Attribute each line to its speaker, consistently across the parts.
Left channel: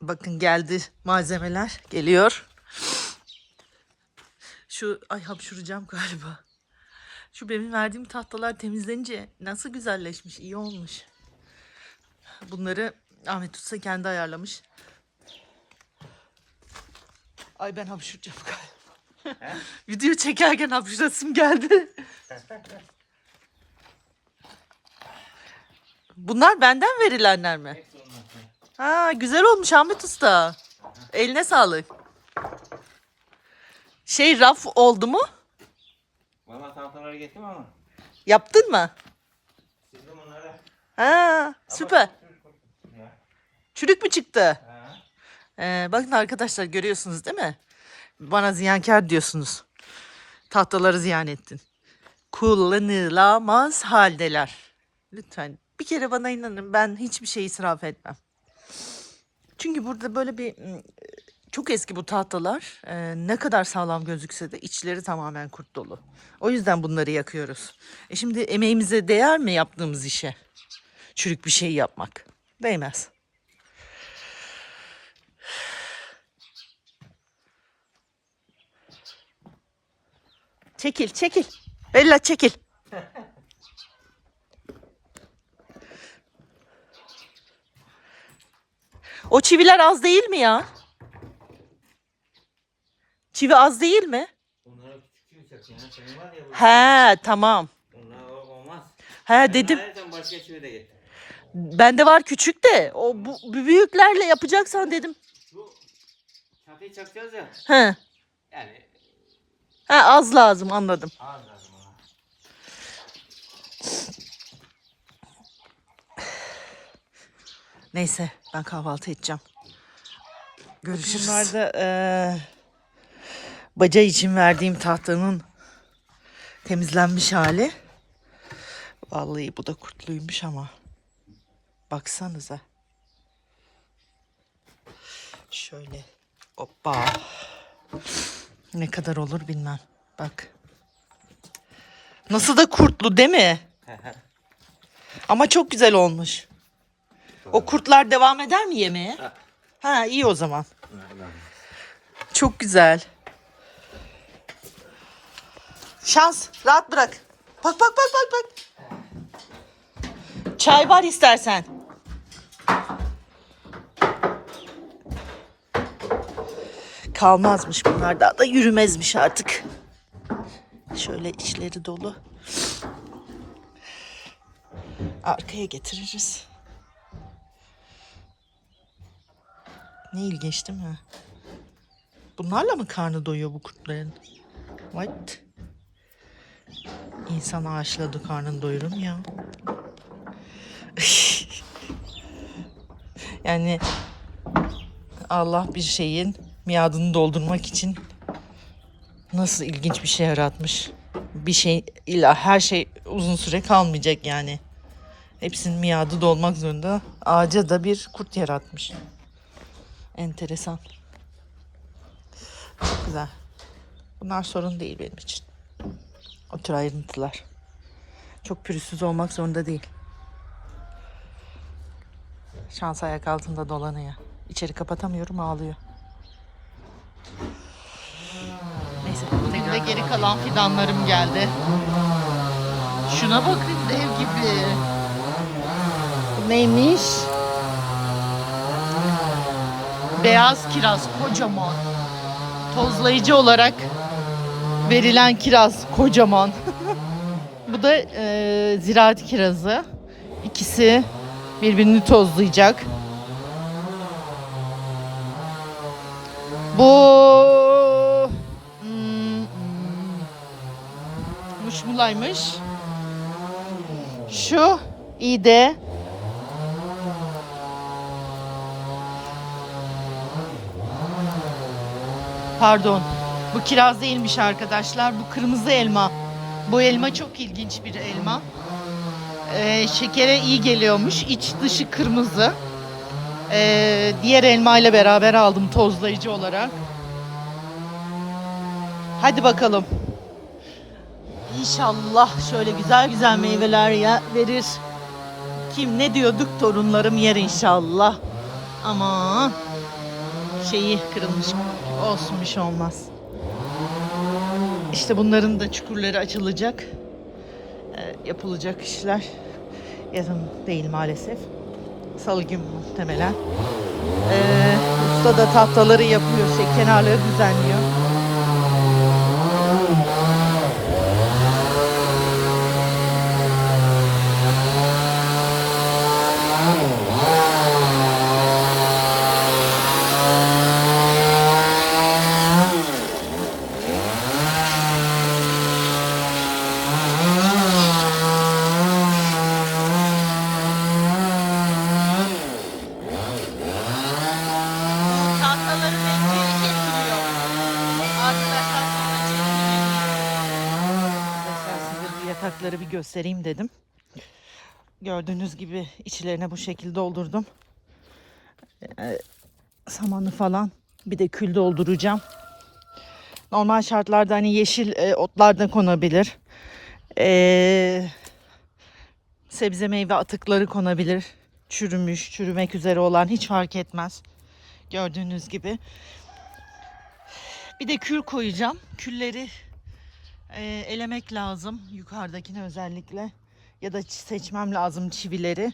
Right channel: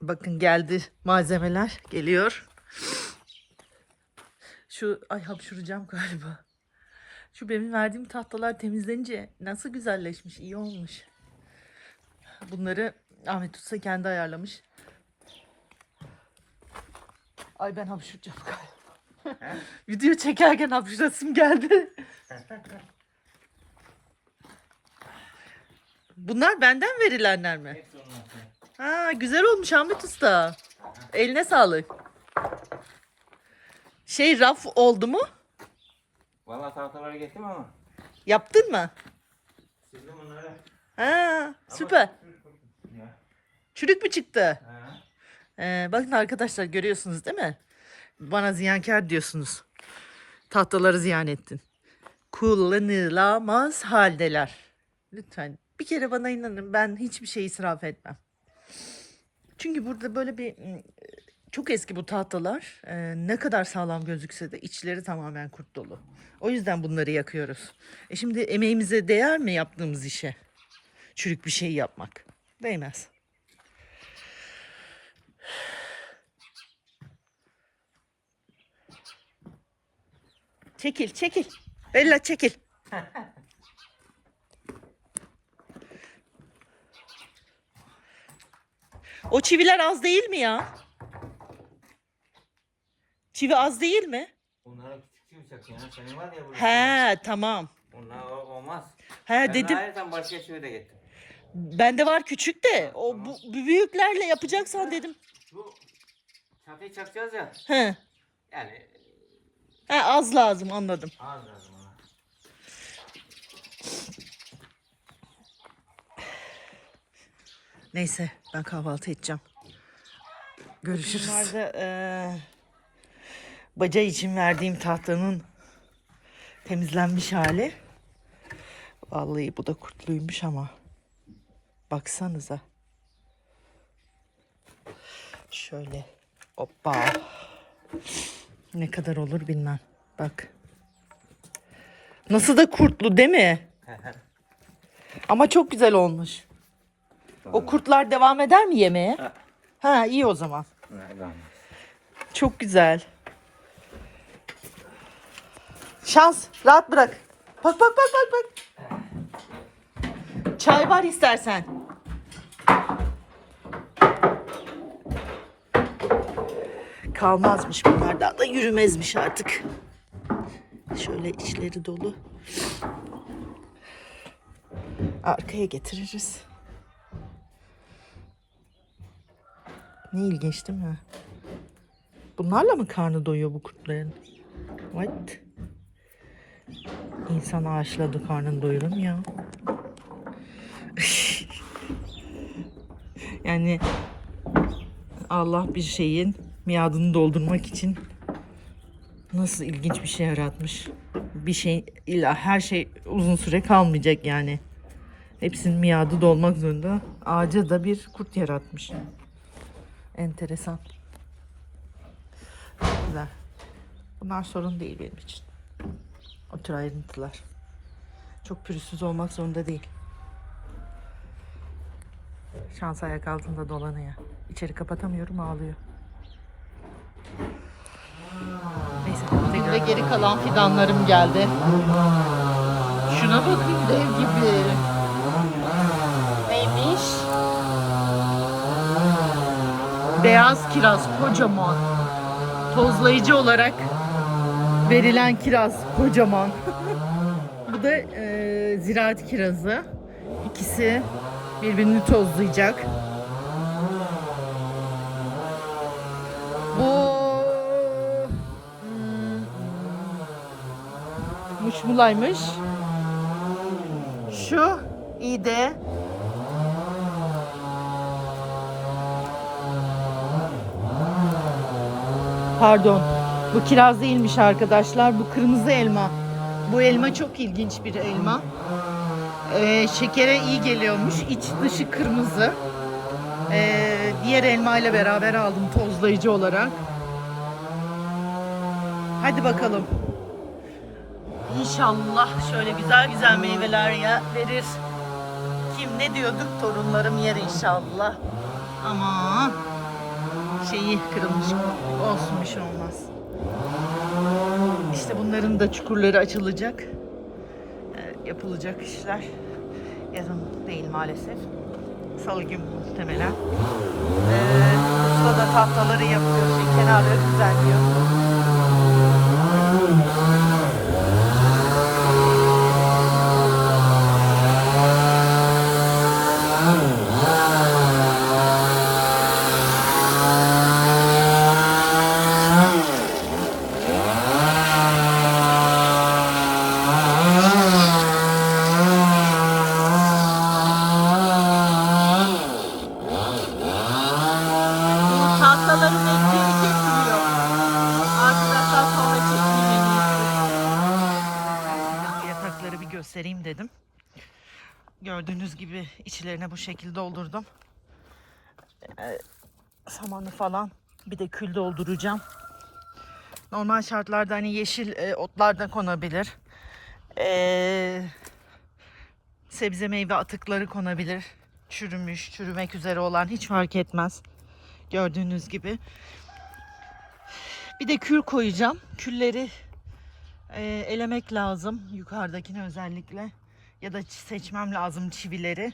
Speaker 1: Bakın geldi malzemeler. Geliyor. Şu ay hapşuracağım galiba. Şu benim verdiğim tahtalar temizlenince nasıl güzelleşmiş, iyi olmuş. Bunları Ahmet Usta kendi ayarlamış. Ay ben hapşuracağım galiba. Video çekerken hapşurasım geldi. Bunlar benden verilenler mi?
Speaker 2: Hepsi ondan.
Speaker 1: Ha güzel olmuş Ahmet Usta. Eline sağlık. Şey raf oldu mu?
Speaker 2: Valla tahtaları getirdim ama.
Speaker 1: Yaptın mı?
Speaker 2: Sildim onları.
Speaker 1: Ha süper. Çürük mü çıktı? Ee, bakın arkadaşlar görüyorsunuz değil mi? Bana ziyankar diyorsunuz. Tahtaları ziyan ettin. Kullanılamaz haldeler. Lütfen bir kere bana inanın ben hiçbir şey israf etmem. Çünkü burada böyle bir çok eski bu tahtalar. Ee, ne kadar sağlam gözükse de içleri tamamen kurt dolu. O yüzden bunları yakıyoruz. E şimdi emeğimize değer mi yaptığımız işe? Çürük bir şey yapmak. Değmez. Çekil, çekil. Bella çekil. o çiviler az değil mi ya? Çivi az değil mi?
Speaker 2: Bunları küçük. Senin var ya bu.
Speaker 1: He, tamam.
Speaker 2: Bunlar o- olmaz.
Speaker 1: He
Speaker 2: Ben
Speaker 1: dedim.
Speaker 2: ayrıca başka çivi de getir.
Speaker 1: Bende var küçük de. O bu, bu büyüklerle yapacaksan dedim.
Speaker 2: Şu çatıyı çakacağız ya.
Speaker 1: He.
Speaker 2: Yani
Speaker 1: He az lazım anladım.
Speaker 2: ağır lazım.
Speaker 1: Neyse ben kahvaltı edeceğim. Görüşürüz. Bunlar da eee, baca için verdiğim tahtanın temizlenmiş hali. Vallahi bu da kurtluymuş ama. Baksanıza. Şöyle. Hoppa. Ne kadar olur bilmem. Bak. Nasıl da kurtlu değil mi? Ama çok güzel olmuş. O kurtlar devam eder mi yemeğe? Ha iyi o zaman. Çok güzel. Şans. Rahat bırak. Bak bak bak bak bak. Çay var istersen. Kalmazmış bunlar daha da yürümezmiş artık. Şöyle içleri dolu. Arkaya getiririz. Ne ilginç değil mi? Bunlarla mı karnı doyuyor bu kurtların? What? İnsan ağaçladı karnını doyurur mu ya? yani Allah bir şeyin miadını doldurmak için nasıl ilginç bir şey yaratmış. Bir şey illa her şey uzun süre kalmayacak yani. Hepsinin miadı dolmak zorunda. Ağaca da bir kurt yaratmış. Enteresan. Çok güzel. Bunlar sorun değil benim için. O tür ayrıntılar. Çok pürüzsüz olmak zorunda değil. Şans ayak altında dolanıyor. İçeri kapatamıyorum ağlıyor. Neyse. De geri kalan fidanlarım geldi. Şuna bakın dev gibi. Neymiş? Beyaz kiraz kocaman. Tozlayıcı olarak verilen kiraz kocaman. Bu da e, ziraat kirazı. İkisi birbirini tozlayacak. Bu hmm, muşmulaymış. Şu iyi Pardon. Bu kiraz değilmiş arkadaşlar. Bu kırmızı elma. Bu elma çok ilginç bir elma. Ee, şekere iyi geliyormuş. İç dışı kırmızı. Ee, diğer elma ile beraber aldım tozlayıcı olarak. Hadi bakalım. İnşallah şöyle güzel güzel meyveler ya verir. Kim ne diyorduk torunlarım yer inşallah. Aman. Şeyi kırılmış. Olsun şey olmaz. İşte bunların da çukurları açılacak. Ee, yapılacak işler. Yazın değil maalesef. Salı günü muhtemelen. Ee, usta da tahtaları yapıyor. Şey, kenarları düzenliyor. Bu tahtaları bekleyerek kesiliyor. Arkadaşlar sonra çekeyim. Yatakları bir göstereyim dedim. Gördüğünüz gibi içlerine bu şekilde doldurdum. Ee, samanı falan bir de kül dolduracağım. Normal şartlarda hani yeşil e, otlar da konabilir. Ee, sebze meyve atıkları konabilir. Çürümüş, çürümek üzere olan hiç fark etmez. Gördüğünüz gibi. Bir de kül koyacağım. Külleri e, elemek lazım. Yukarıdakini özellikle. Ya da seçmem lazım çivileri.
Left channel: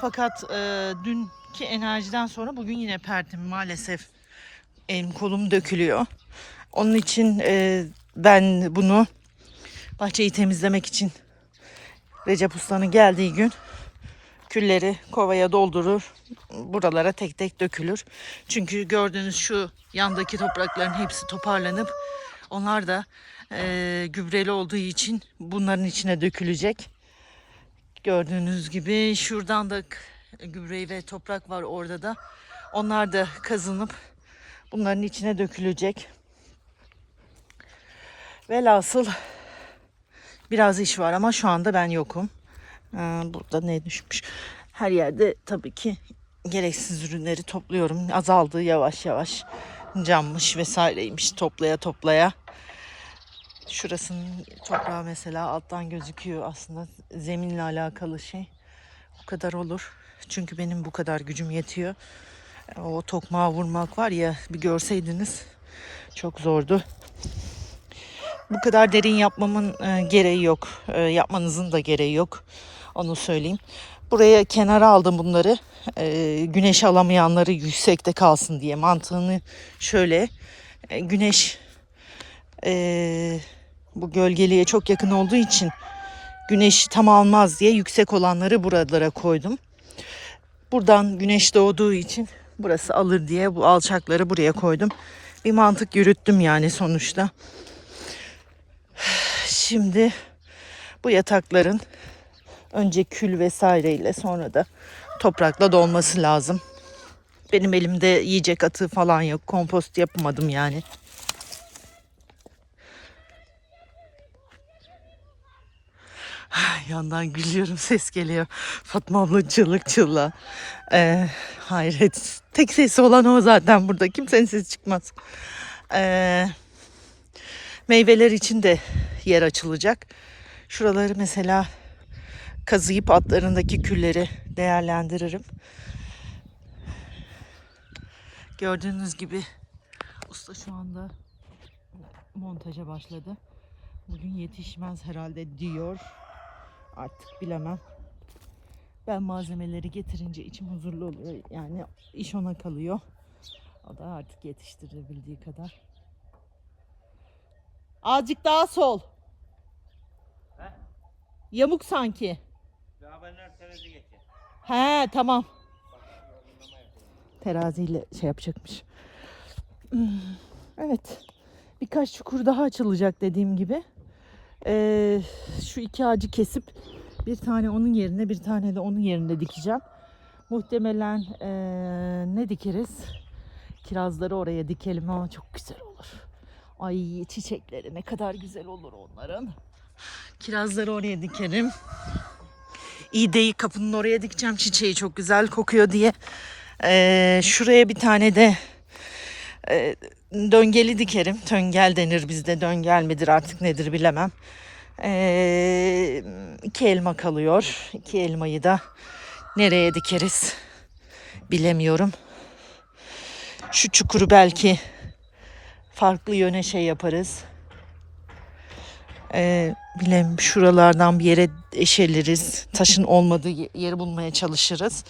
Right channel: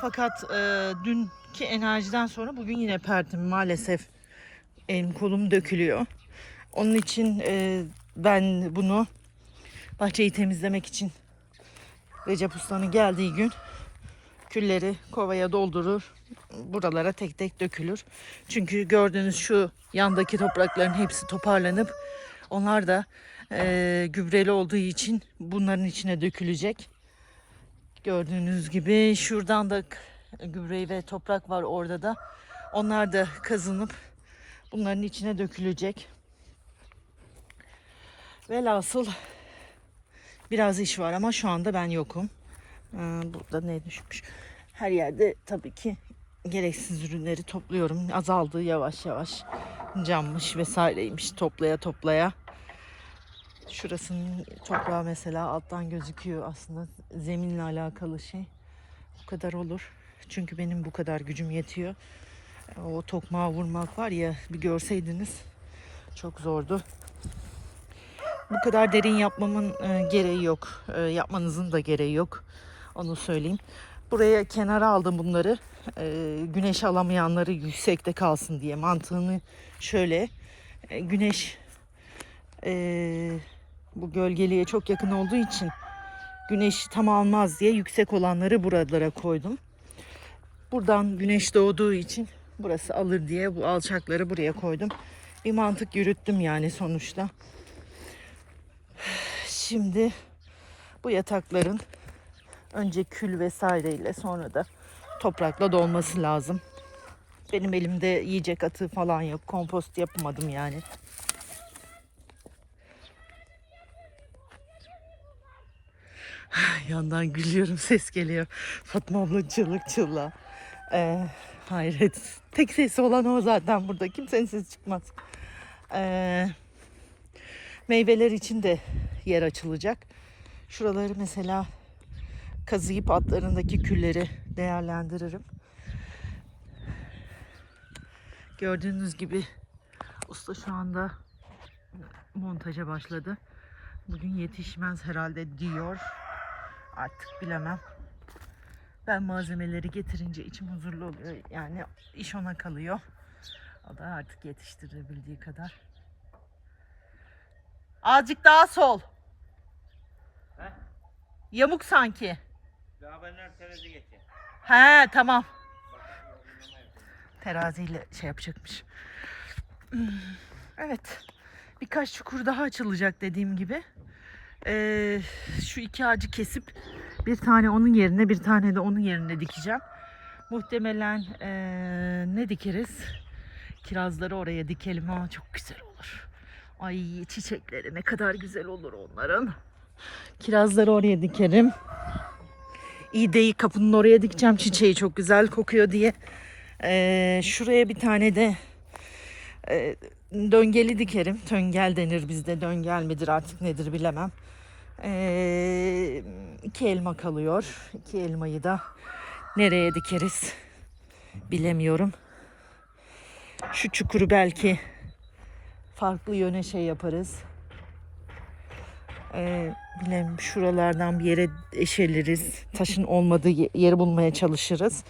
Speaker 1: Fakat e, dünkü enerjiden sonra bugün yine pertim maalesef elim kolum dökülüyor. Onun için e, ben bunu bahçeyi temizlemek için Recep Usta'nın geldiği gün külleri kovaya doldurur. Buralara tek tek dökülür. Çünkü gördüğünüz şu yandaki toprakların hepsi toparlanıp onlar da e, gübreli olduğu için bunların içine dökülecek. Gördüğünüz gibi şuradan da k- gübre ve toprak var orada da. Onlar da kazınıp bunların içine dökülecek. Velhasıl biraz iş var ama şu anda ben yokum. Ee, burada ne düşmüş? Her yerde tabii ki gereksiz ürünleri topluyorum. Azaldı yavaş yavaş. Cammış vesaireymiş toplaya toplaya. Şurasının toprağı mesela alttan gözüküyor aslında zeminle alakalı şey. Bu kadar olur. Çünkü benim bu kadar gücüm yetiyor. O tokmağı vurmak var ya bir görseydiniz çok zordu. Bu kadar derin yapmamın e, gereği yok. E, yapmanızın da gereği yok. Onu söyleyeyim. Buraya kenara aldım bunları. E, güneş alamayanları yüksekte kalsın diye. Mantığını şöyle. güneş e, bu gölgeliğe çok yakın olduğu için güneş tam almaz diye yüksek olanları buralara koydum. Buradan güneş doğduğu için burası alır diye bu alçakları buraya koydum. Bir mantık yürüttüm yani sonuçta. Şimdi bu yatakların önce kül vesaireyle sonra da toprakla dolması lazım. Benim elimde yiyecek atığı falan yok. Kompost yapmadım yani. Yandan gülüyorum ses geliyor. Fatma abla çığlık çığlığa. Ee, hayret. Tek sesi olan o zaten burada. Kimsenin sesi çıkmaz. Ee, meyveler için de yer açılacak. Şuraları mesela kazıyıp altlarındaki külleri değerlendiririm. Gördüğünüz gibi usta şu anda montaja başladı. Bugün yetişmez herhalde diyor. Artık bilemem. Ben malzemeleri getirince içim huzurlu oluyor. Yani iş ona kalıyor. O da artık yetiştirebildiği kadar. Azıcık daha sol.
Speaker 2: He?
Speaker 1: Yamuk sanki.
Speaker 2: Daha benler terazi geçer.
Speaker 1: He tamam. Teraziyle şey yapacakmış. Hmm, Evet. Birkaç çukur daha açılacak dediğim gibi. Ee, şu iki ağacı kesip bir tane onun yerine bir tane de onun yerine dikeceğim. Muhtemelen ee, ne dikeriz? Kirazları oraya dikelim ama çok güzel olur. Ay çiçekleri ne kadar güzel olur onların. Kirazları oraya dikerim. İğdeyi kapının oraya dikeceğim. Çiçeği çok güzel kokuyor diye. Ee, şuraya bir tane de e, döngeli dikerim. Töngel denir bizde. Döngel midir artık nedir bilemem. Ee, iki elma kalıyor. İki elmayı da nereye dikeriz bilemiyorum. Şu çukuru belki farklı yöne şey yaparız. Ee, bilem şuralardan bir yere eşeliriz. Taşın olmadığı ye- yeri bulmaya çalışırız.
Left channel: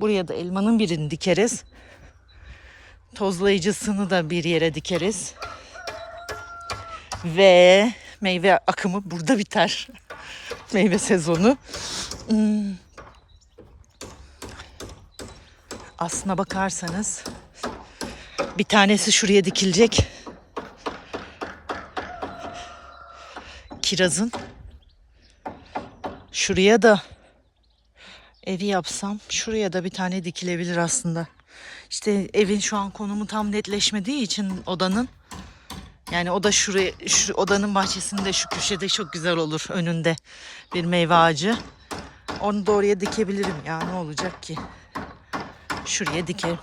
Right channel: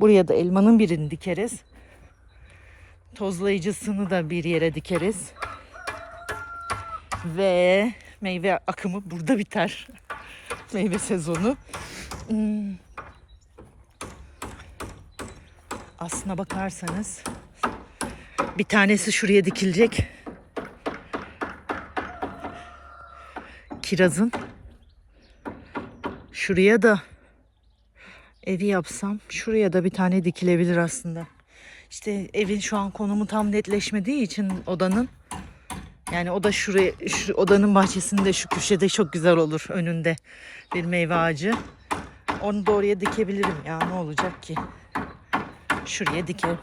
Speaker 1: Buraya da elmanın birini dikeriz. Tozlayıcısını da bir yere dikeriz. Ve meyve akımı burada biter. meyve sezonu. Hmm. Aslına bakarsanız bir tanesi şuraya dikilecek. Kirazın. Şuraya da evi yapsam şuraya da bir tane dikilebilir aslında. İşte evin şu an konumu tam netleşmediği için odanın yani o da şuraya şu odanın bahçesinde şu köşede çok güzel olur önünde bir meyve ağacı. Onu da oraya dikebilirim ya ne olacak ki? Şuraya dikerim.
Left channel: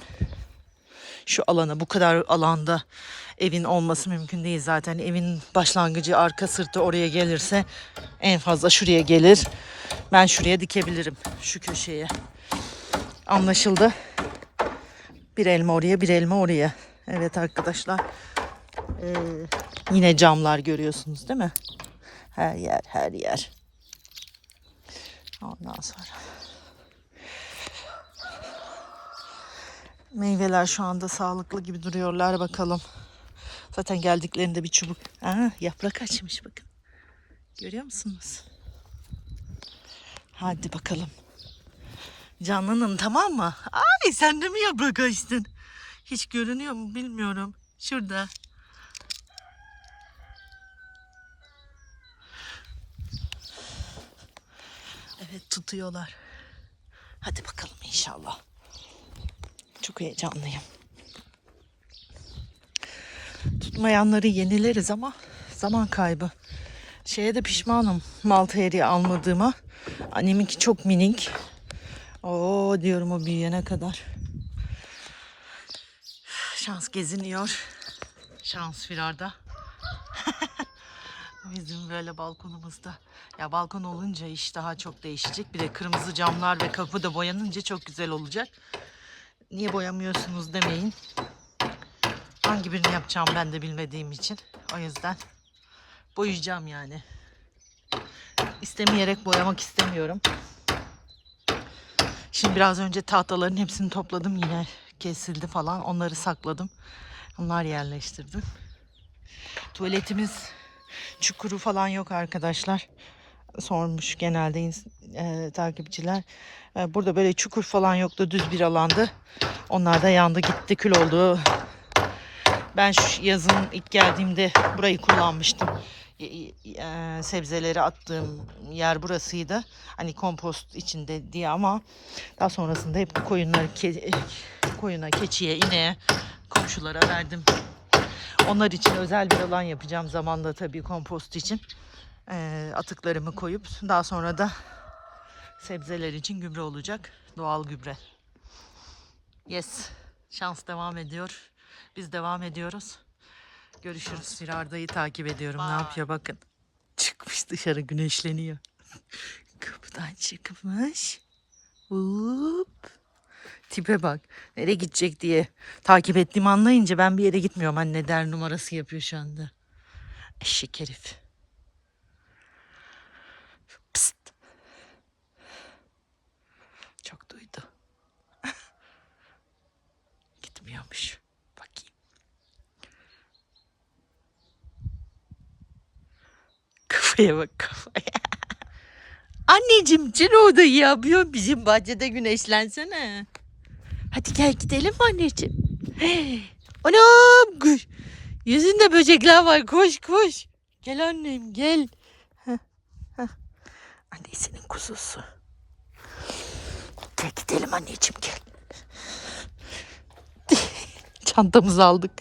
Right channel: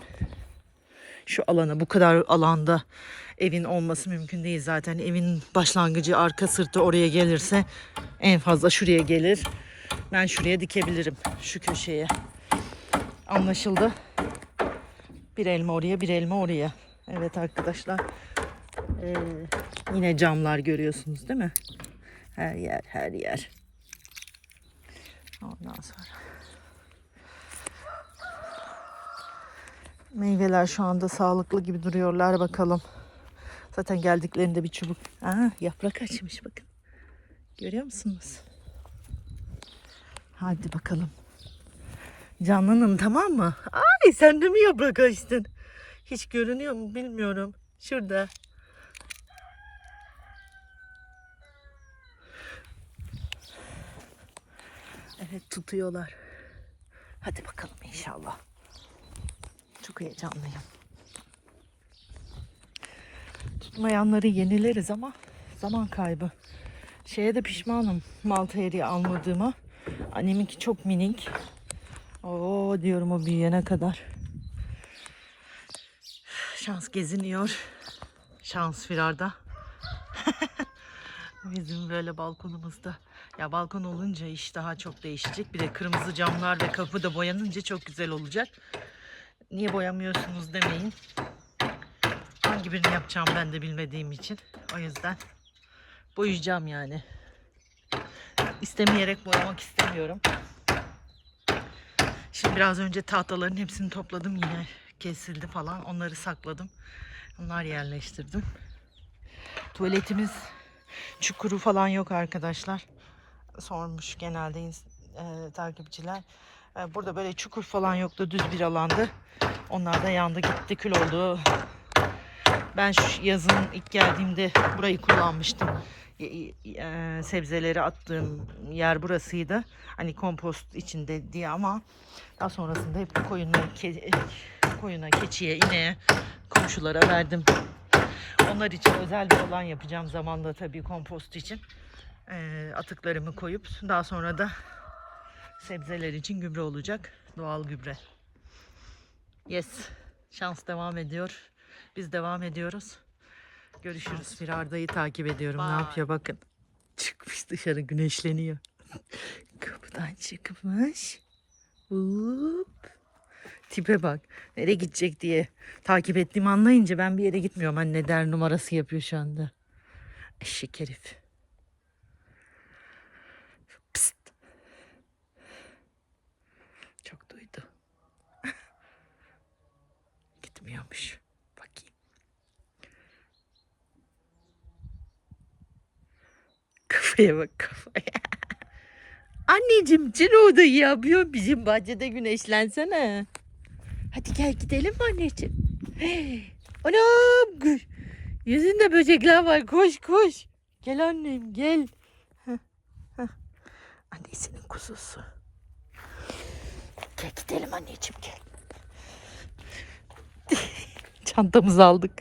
Speaker 1: Şu alana bu kadar alanda evin olması mümkün değil zaten. Evin başlangıcı arka sırtı oraya gelirse en fazla şuraya gelir. Ben şuraya dikebilirim şu köşeye. Anlaşıldı. Bir elma oraya bir elma oraya. Evet arkadaşlar. Ee, yine camlar görüyorsunuz değil mi? Her yer her yer. Ondan sonra. Meyveler şu anda sağlıklı gibi duruyorlar bakalım. Zaten geldiklerinde bir çubuk. Aa, yaprak açmış bakın. Görüyor musunuz? Hadi bakalım. Canlanın tamam mı? Ay sen de mi yaprak açtın? Hiç görünüyor mu bilmiyorum. Şurada. Evet tutuyorlar. Hadi bakalım inşallah. Çok heyecanlıyım. Tutmayanları yenileriz ama zaman kaybı. Şeye de pişmanım malta eriği almadığıma. Anneminki çok minik. Oo diyorum o büyüyene kadar. Şans geziniyor. Şans firarda. Bizim böyle balkonumuzda. Ya balkon olunca iş daha çok değişecek. Bir de kırmızı camlar ve kapı da boyanınca çok güzel olacak. Niye boyamıyorsunuz demeyin. Hangi birini yapacağım ben de bilmediğim için. O yüzden boyayacağım yani. İstemeyerek boyamak istemiyorum. Şimdi biraz önce tahtaların hepsini topladım yine kesildi falan. Onları sakladım. Onlar yerleştirdim. Tuvaletimiz çukuru falan yok arkadaşlar. Sormuş genelde e, takipçiler. E, burada böyle çukur falan yoktu. Düz bir alandı. Onlar da yandı gitti kül oldu. Ben şu yazın ilk geldiğimde burayı kullanmıştım. Y- e, sebzeleri attığım yer burasıydı. Hani kompost içinde diye ama daha sonrasında hep koyunları ke- koyuna, keçiye, ineğe, komşulara verdim. Onlar için özel bir alan yapacağım zamanla tabii kompost için. E, atıklarımı koyup daha sonra da sebzeler için gübre olacak. Doğal gübre. Yes. Şans devam ediyor. Biz devam ediyoruz. Görüşürüz. Firarda'yı takip ediyorum. Ne yapıyor bakın. Çıkmış dışarı güneşleniyor. Kapıdan çıkmış. Hop. Tipe bak. Nereye gidecek diye takip ettiğimi anlayınca ben bir yere gitmiyorum. Anne der numarası yapıyor şu anda. Eşek herif. Psst. Çok duydu. Gitmiyormuş. Kafaya bak kafaya. Anneciğim sen orada yapıyor bizim bahçede güneşlensene. Hadi gel gidelim anneciğim? Anam gü- yüzünde böcekler var koş koş. Gel annem gel. Heh, heh. Kuzusu. Gel gidelim anneciğim gel. Çantamızı aldık.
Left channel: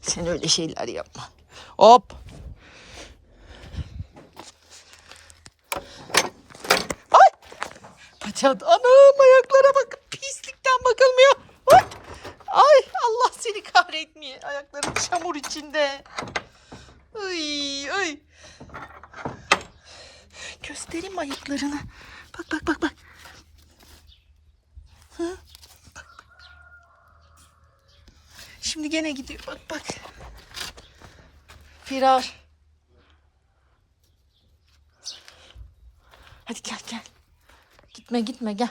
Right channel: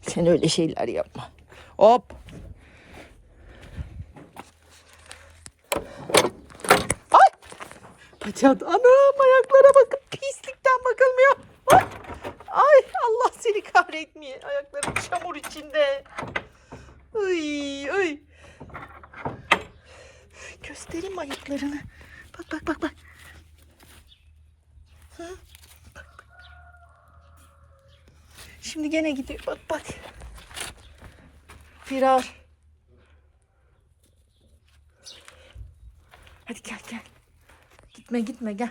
Speaker 1: Sen öyle şeyler yapma. Hop. Ay. Paçat. Anam ayaklara bakın. Pislikten bakılmıyor. Hop. Ay Allah seni kahretmeye. Ayaklarım çamur içinde. Ay ay. Göstereyim ayaklarını. Bak bak bak bak. Bak, bak. Şimdi gene gidiyor. Bak bak. Firar. Hadi gel gel. Gitme gitme gel.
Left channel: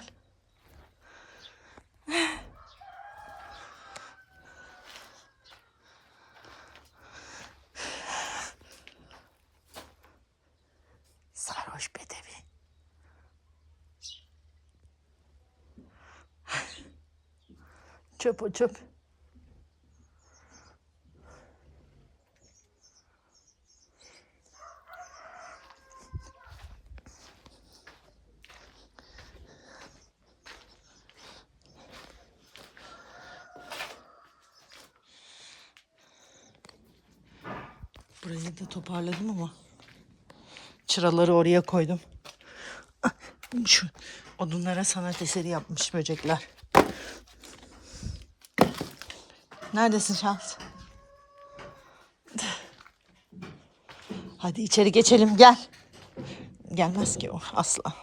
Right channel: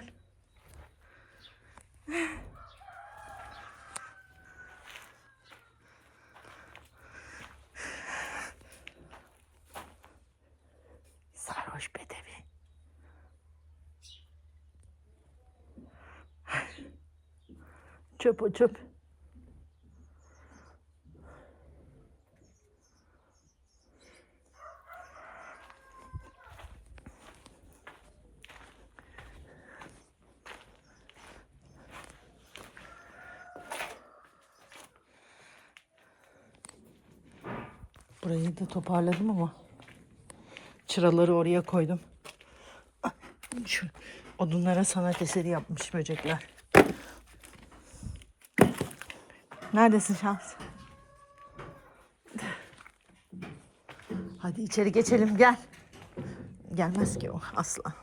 Speaker 1: Sarhoş bedevi. Çöp o çöp. Burayı da toparladım ama çıraları oraya koydum. Şu odunlara sanat eseri yapmış böcekler. Neredesin Şans? Hadi içeri geçelim gel. Gelmez ki o asla.